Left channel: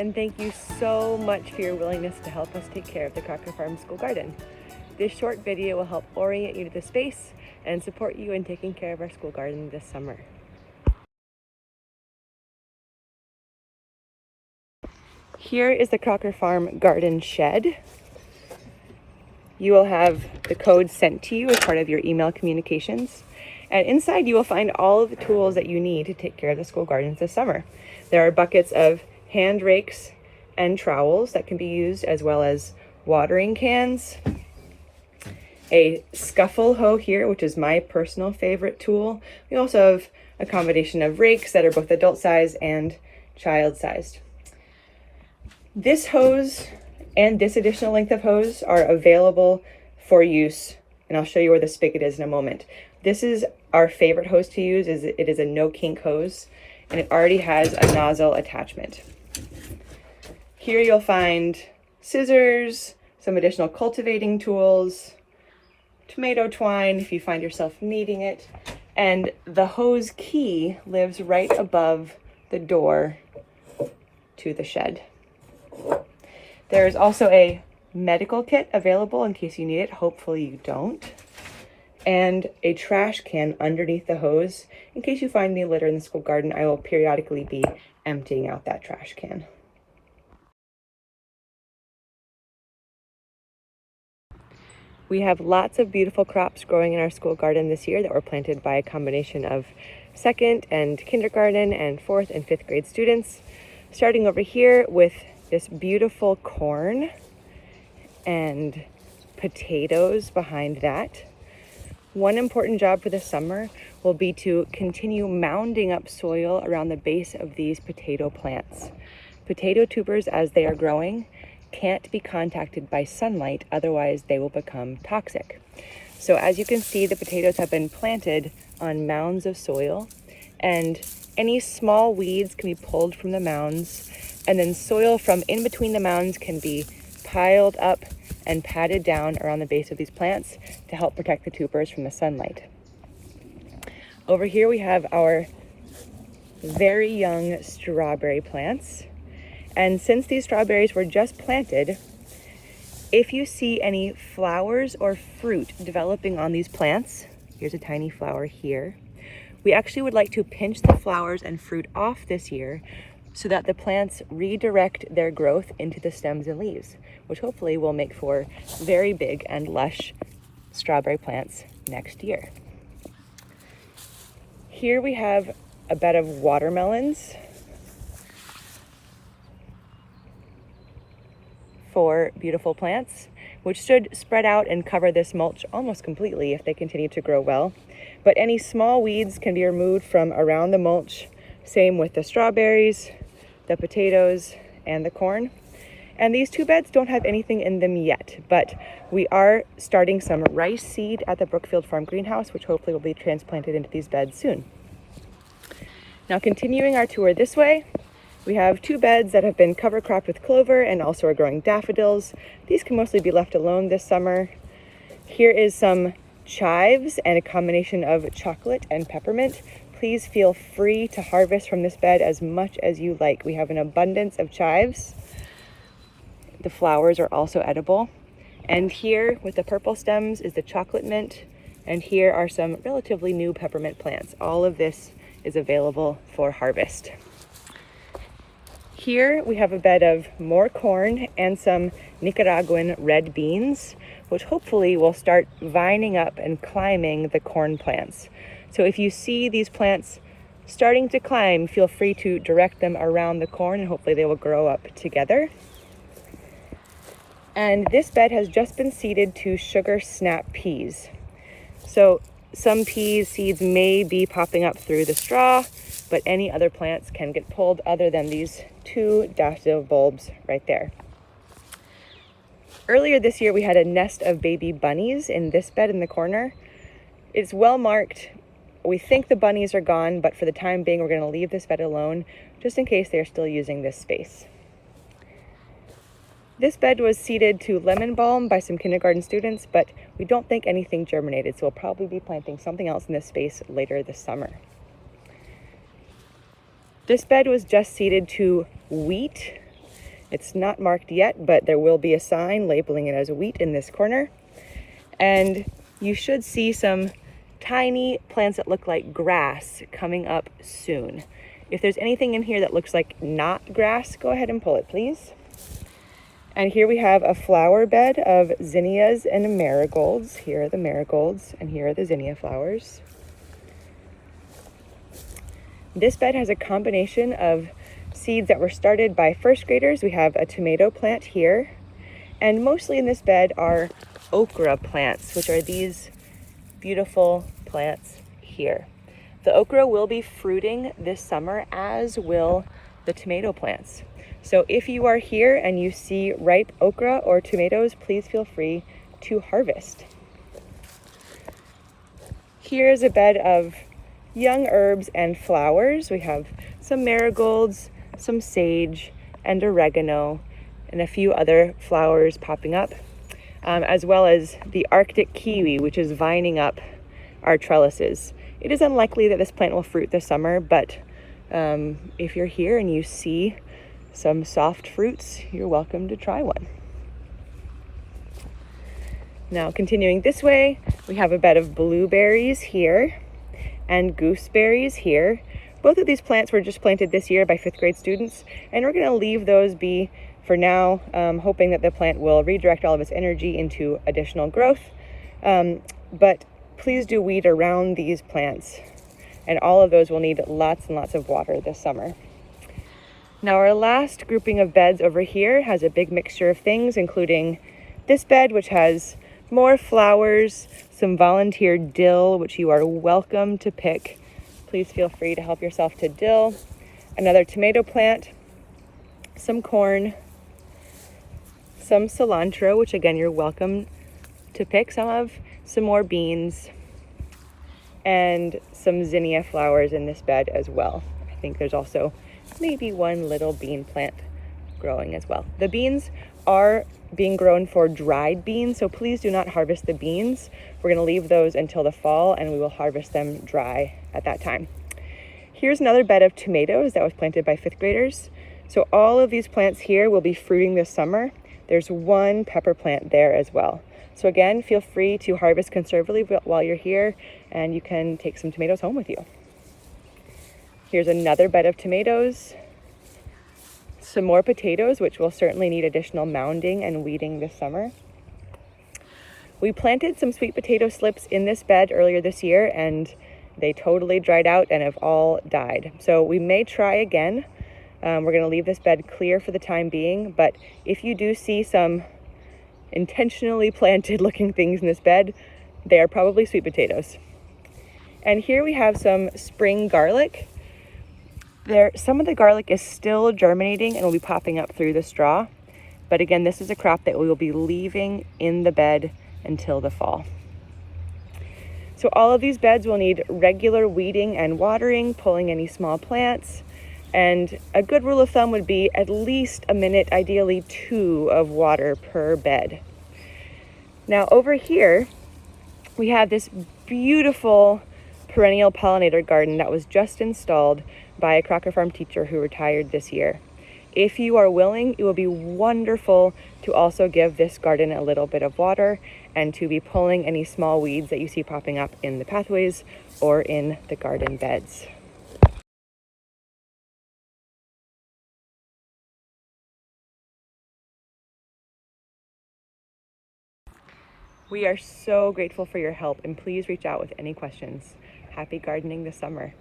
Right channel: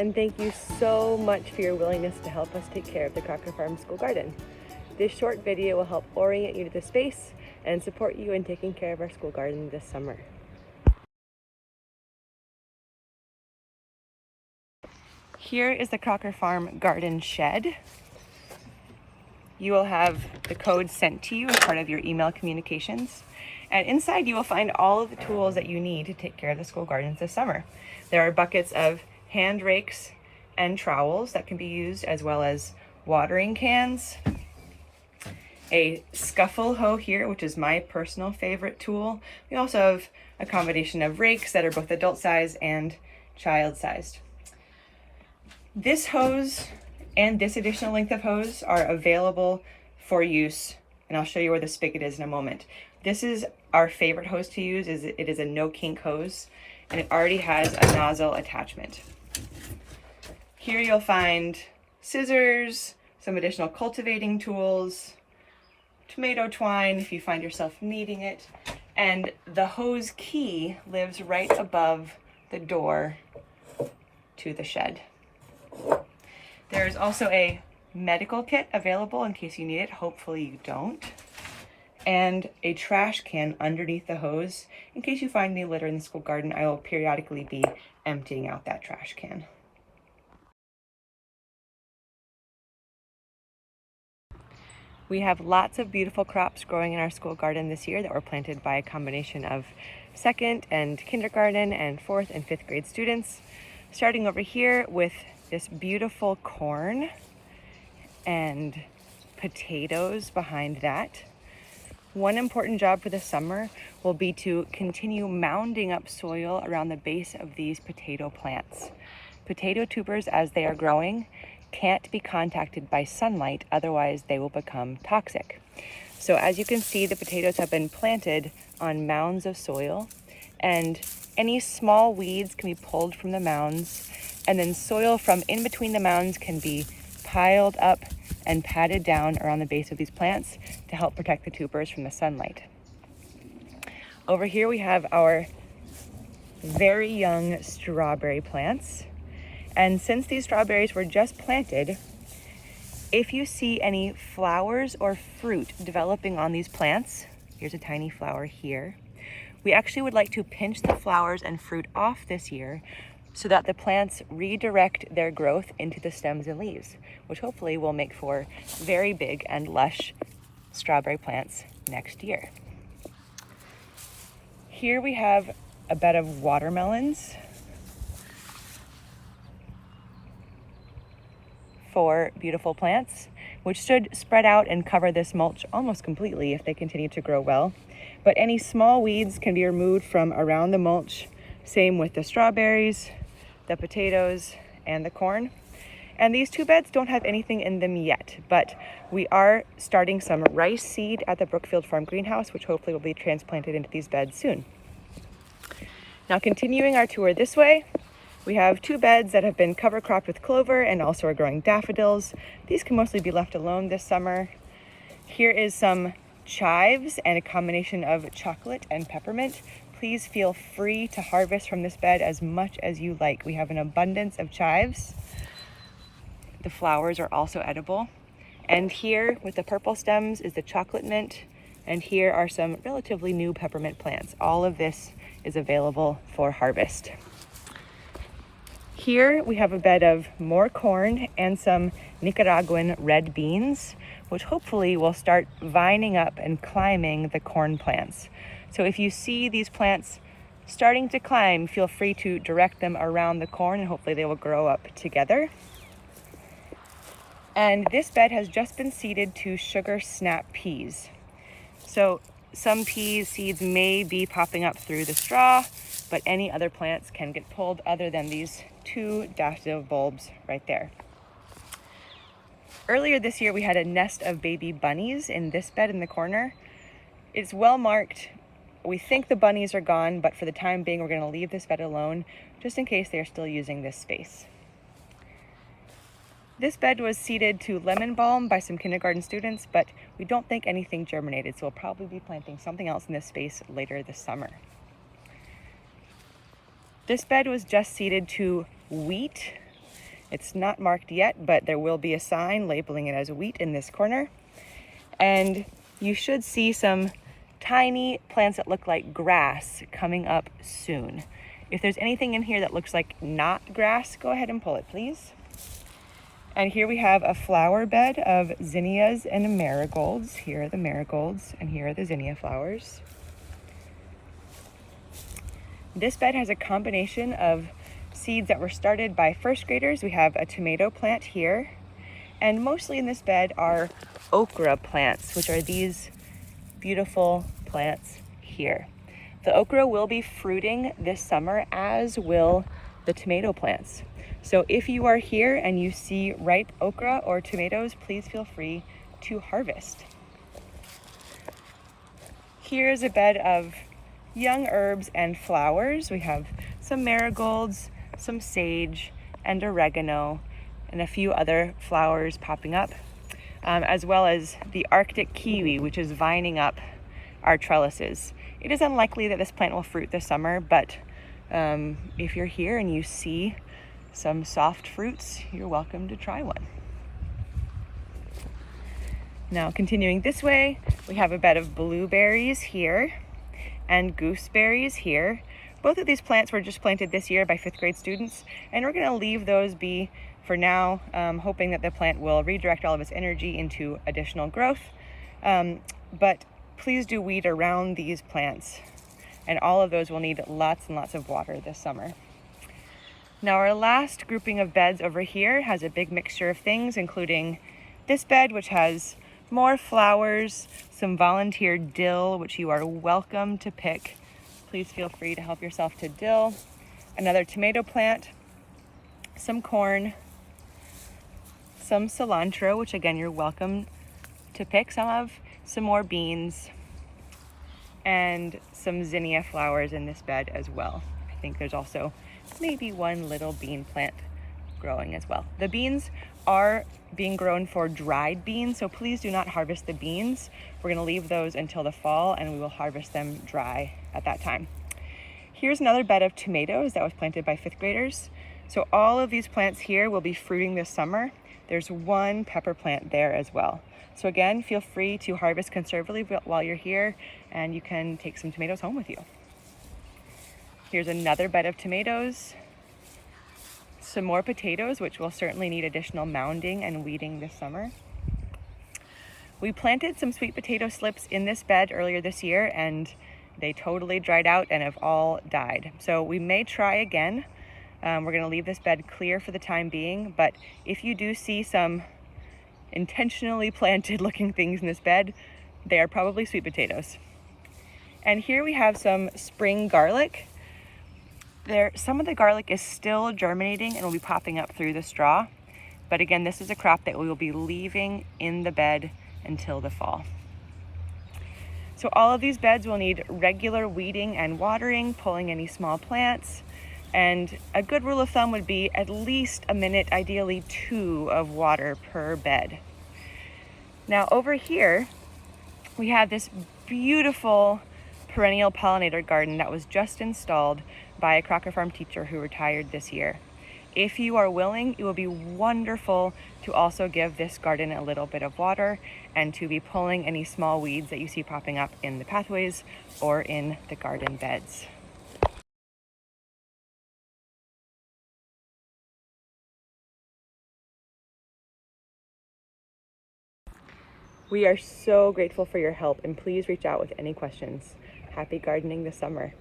and thank you so much for your willingness to help us take care of the Crocker Farm School Garden. This short video will help orient you to the space and support you in taking care of our school garden this summer. Here is the Crocker Farm garden shed. You will have the code sent to you as part of your email communications. And inside you will find all of the tools that you need to take care of the school gardens this summer. There are buckets of hand rakes and trowels that can be used, as well as watering cans. A scuffle hoe here, which is my personal favorite tool. We also have a combination of rakes that are both adult size and child sized. This hose and this additional length of hose are available for use, and I'll show you where the spigot is in a moment. This is our favorite hose to use. It is a no kink hose, and it already has a nozzle attachment. Here you'll find scissors, some additional cultivating tools, tomato twine if you find yourself needing it, and the hose key lives right above the door to the shed. There is also a medical kit available in case you need it. Hopefully you don't. And a trash can underneath the hose. In case you find any litter in the school garden, I will periodically be emptying out that trash can. We have lots of beautiful crops growing in our school garden this year that were planted by a combination of second and kindergarten and fourth and fifth grade students. Starting over here with this beautiful corn and potatoes behind that. One important job for the summer will be to continue mounding up soil around the base of these potato plants. Potato tubers, as they are growing, can't be contacted by sunlight, otherwise they will become toxic. So as you can see, the potatoes have been planted on mounds of soil, and any small weeds can be pulled from the mounds, and then soil from in between the mounds can be piled up and patted down around the base of these plants to help protect the tubers from the sunlight. Over here we have our very young strawberry plants. And since these strawberries were just planted, if you see any flowers or fruit developing on these plants, here's a tiny flower here, we actually would like to pinch the flowers and fruit off this year so that the plants redirect their growth into the stems and leaves, which hopefully will make for very big and lush strawberry plants next year. Here we have a bed of watermelons for beautiful plants, which should spread out and cover this mulch almost completely if they continue to grow well. But any small weeds can be removed from around the mulch. Same with the strawberries, the potatoes, and the corn. And these two beds don't have anything in them yet, but we are starting some rice seed at the Brookfield Farm greenhouse, which hopefully will be transplanted into these beds soon. Now, continuing our tour this way, we have two beds that have been cover cropped with clover and also are growing daffodils. These can mostly be left alone this summer. Here is some chives and a combination of chocolate and peppermint. Please feel free to harvest from this bed as much as you like. We have an abundance of chives. The flowers are also edible. And here with the purple stems is the chocolate mint. And here are some relatively new peppermint plants. All of this is available for harvest. Here we have a bed of more corn and some Nicaraguan red beans, which hopefully will start vining up and climbing the corn plants. So if you see these plants starting to climb, feel free to direct them around the corn and hopefully they will grow up together. And this bed has just been seeded to sugar snap peas. So some peas seeds may be popping up through the straw, but any other plants can get pulled other than these two daffodil bulbs right there. Earlier this year, we had a nest of baby bunnies in this bed in the corner. It's well marked. We think the bunnies are gone, but for the time being, we're going to leave this bed alone just in case they're still using this space. This bed was seeded to lemon balm by some kindergarten students, but we don't think anything germinated, so we'll probably be planting something else in this space later this summer. This bed was just seeded to wheat, It's not marked yet, but there will be a sign labeling it as wheat in this corner. And you should see some tiny plants that look like grass coming up soon. If there's anything in here that looks like not grass, go ahead and pull it, please. And here we have a flower bed of zinnias and marigolds. Here are the marigolds, and here are the zinnia flowers. This bed has a combination of seeds that were started by first graders. We have a tomato plant here, and mostly in this bed are okra plants, which are these beautiful plants here. The okra will be fruiting this summer, as will the tomato plants. So if you are here and you see ripe okra or tomatoes, please feel free to harvest. Here's a bed of young herbs and flowers. We have some marigolds, some sage, and oregano, and a few other flowers popping up, as well as the Arctic kiwi, which is vining up our trellises. It is unlikely that this plant will fruit this summer, but if you're here and you see some soft fruits, you're welcome to try one. Now continuing this way, we have a bed of blueberries here and gooseberries here. Both of these plants were just planted this year by 5th grade students, and we're gonna leave those be for now, hoping that the plant will redirect all of its energy into additional growth. But please do weed around these plants, and all of those will need lots and lots of water this summer. Now our last grouping of beds over here has a big mixture of things, including this bed, which has more flowers, some volunteer dill, which you are welcome to pick. Please feel free to help yourself to dill. Another tomato plant, some corn, some cilantro, which again, you're welcome to pick some of, some more beans, and some zinnia flowers in this bed as well. I think there's also maybe one little bean plant growing as well. The beans are being grown for dried beans, so please do not harvest the beans. We're gonna leave those until the fall, and we will harvest them dry at that time. Here's another bed of tomatoes that was planted by 5th graders. So all of these plants here will be fruiting this summer. There's one pepper plant there as well. So again, feel free to harvest conservatively while you're here, and you can take some tomatoes home with you. Here's another bed of tomatoes, some more potatoes, which will certainly need additional mounding and weeding this summer. We planted some sweet potato slips in this bed earlier this year, and they totally dried out and have all died. So we may try again. We're gonna leave this bed clear for the time being, but if you do see some intentionally planted looking things in this bed, they are probably sweet potatoes. And here we have some spring garlic. Some of the garlic is still germinating and will be popping up through the straw. But again, this is a crop that we will be leaving in the bed until the fall. So all of these beds will need regular weeding and watering, pulling any small plants. And a good rule of thumb would be at least a minute, ideally 2 of water per bed. Now over here, we have this beautiful perennial pollinator garden that was just installed by a Crocker Farm teacher who retired this year. If you are willing, it will be wonderful to also give this garden a little bit of water and to be pulling any small weeds that you see popping up in the pathways or in the garden beds. We are so grateful for your help, and please reach out with any questions. Happy gardening this summer.